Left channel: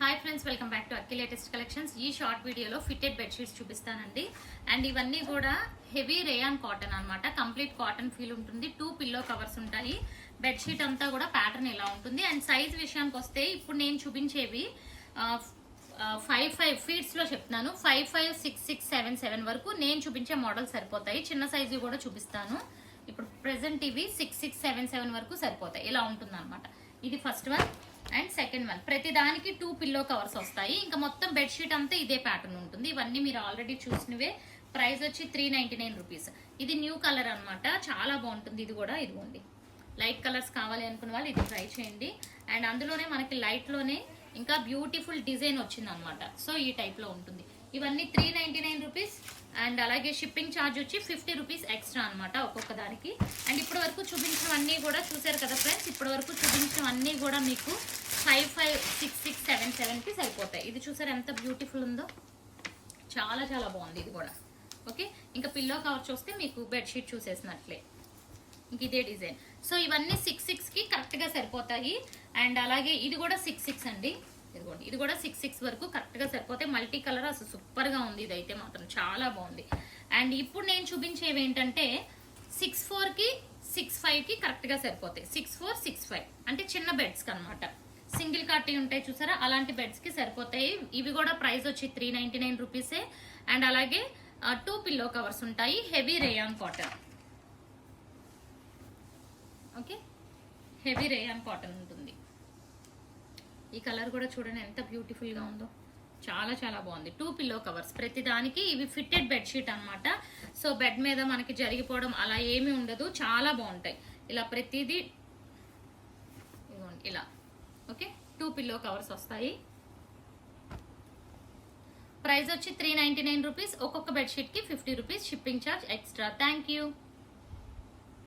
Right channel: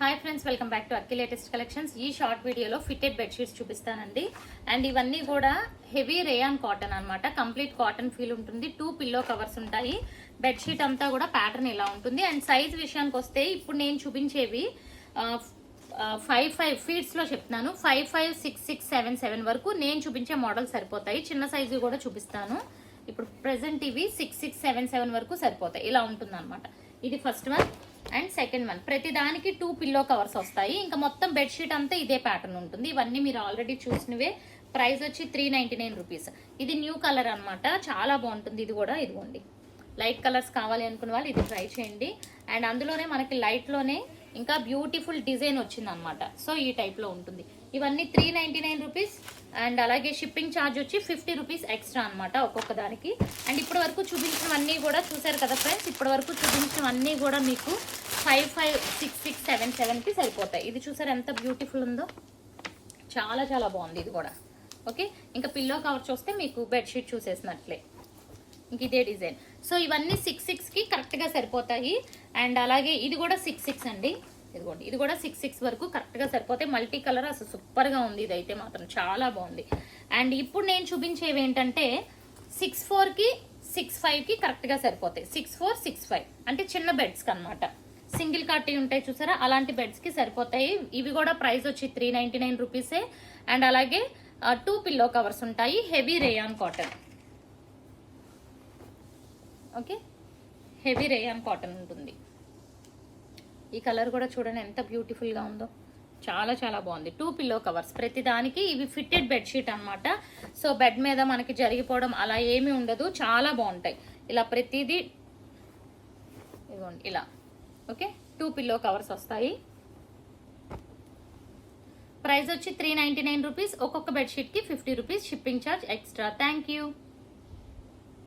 Hi friends, welcome back to Akki latest collections. ఈ short వీడియోలో fitted bedsheets చూపిస్తానండి. And ఇవన్నీ కూడా హెవీ రేయాన్ కాటన్ అన్నమాట. కంప్లీట్ కాటన్ ఫీల్ ఉంటుంది. 2 పిల్లో కవర్స్ ఉంటాయి. బెడ్షీట్ అంతా కూడా ప్యాటర్న్ ఇలా ఉంటుంది. అండ్ సైజ్ విషయానికి వస్తే ఇప్పుడు నేను చూపించేవి 5 ఫీట్స్ లో చెప్తున్నాను. 5, 6, 7, 7 వరకు నేను చూపించే మోడల్ సరిపోతాయి. చిన్న సైజు కూడా చూపిస్తాను. ఇప్పుడు ప్రెసెంట్ ఇవి 6, 7, 7 వరకు సరిపోతాయి. ఇలా ఉంటుంది అనమాట. ఇది first one. And second one, ప్రతి దానికి 2 పిల్లో కవర్స్ వస్తాయి. ఇంకా మొత్తం బెడ్షీట్ అంతా ఇదే ప్యాటర్న్ ఉంటుంది. ఇవన్నీ మీరు ఆల్రెడీ చూసినవే. ప్రైస్ వచ్చి 399 రూపీస్. ఇది న్యూ కలర్ అన్నమాట. చాలా బాగుంటుంది. ఇది కూడా ఇదిగోండి, లైట్ కలర్స్ కావాలి అనుకున్న వాళ్ళు ఇది ట్రై చేయండి. అండ్ అందులోనే మనకి లైట్ లోనే ఇంకా బ్యూటిఫుల్ డిజైన్ వచ్చింది అనమాట. సో ఈ టైప్ లో ఉంటుంది. ఇవన్నీ 399 రూపీస్. అండ్ అలాగే షిప్పింగ్ ఛార్జ్ వచ్చి 50 రూపీస్ ఎక్స్ట్రా అనమాట ఒక్కొక్క దానికి. అండ్ ఇప్పటి వరకు చూపించినవన్నీ కూడా చూసారు కదా ఫ్రెండ్స్. ఇప్పటి వరకు చూపించినవన్నీ కూడా మీకు 5, 6, 7, 7 కి సరిపోతాయి. ఇది చూసారు ఎంత బ్యూటిఫుల్ ఉందో. చాలా చాలా బాగుంది ఇది కూడా. ఓకే, ఇంకా పిల్లో కవర్ చూస్తే మీకు బెడ్షీట్ చూసేసినట్లే. ఇంక ఇదే డిజైన్. సో ఇవన్నీ 6 కి కరెక్ట్ గా సరిపోతాయి. అండ్ అలాగే ఇది కూడా 6 అండి. ఇదిగోండి, ఇది కూడా 6 వరకు కరెక్ట్ గా సరిపోతాయి. మల్టీ కలర్ అసలు సూపర్ గా ఉంది. ఇదైతే మాత్రం చాలా బాగుంది. అండ్ ఇప్పుడు నేను చూపించేవి ఏంటంటే 6'4 కి 6'5 కి కరెక్ట్ గా సరిపోతాయి. 6'4, 6'5 అంటే చిన్న బెడ్స్ కి అనమాట. సింగిల్ కాటీ ఉంటాయి చూసారా, అలాంటి బెడ్స్ కి సరిపోతాయి. ఇవి కూడా ప్రైస్ వచ్చి 399 రూపీసే. అండ్ అలాగే 2 పిల్లో కవర్స్ ఉంటాయి. Heavy rayon cotton. Okay, heavy rayon cotton ఉంటుంది. ఈ కలర్ కూడా చూడండి ఎంత బ్యూటిఫుల్ గా ఉందో. చాలా చాలా బాగుంది. 2 పిల్లో కవర్స్ ప్రతి దానికి. ఇవి ఫిట్టెడ్ బెడ్షీట్ అనమాట. సో బెడ్ మీద మనకి జరిగిపోవడం అలా ఏమీ ఉండదు. చాలా బాగుంటాయి. ఇలా ప్రతిదీ ఇవ్వండి ఇలా. ఓకే, 2 పిల్లో కవర్స్ వస్తాయి. ప్రైస్ వచ్చి 399 రూపీస్. ఒక్కొక్క బెడ్షీట్ కి 50 rupees shipping charge extra. Thank you.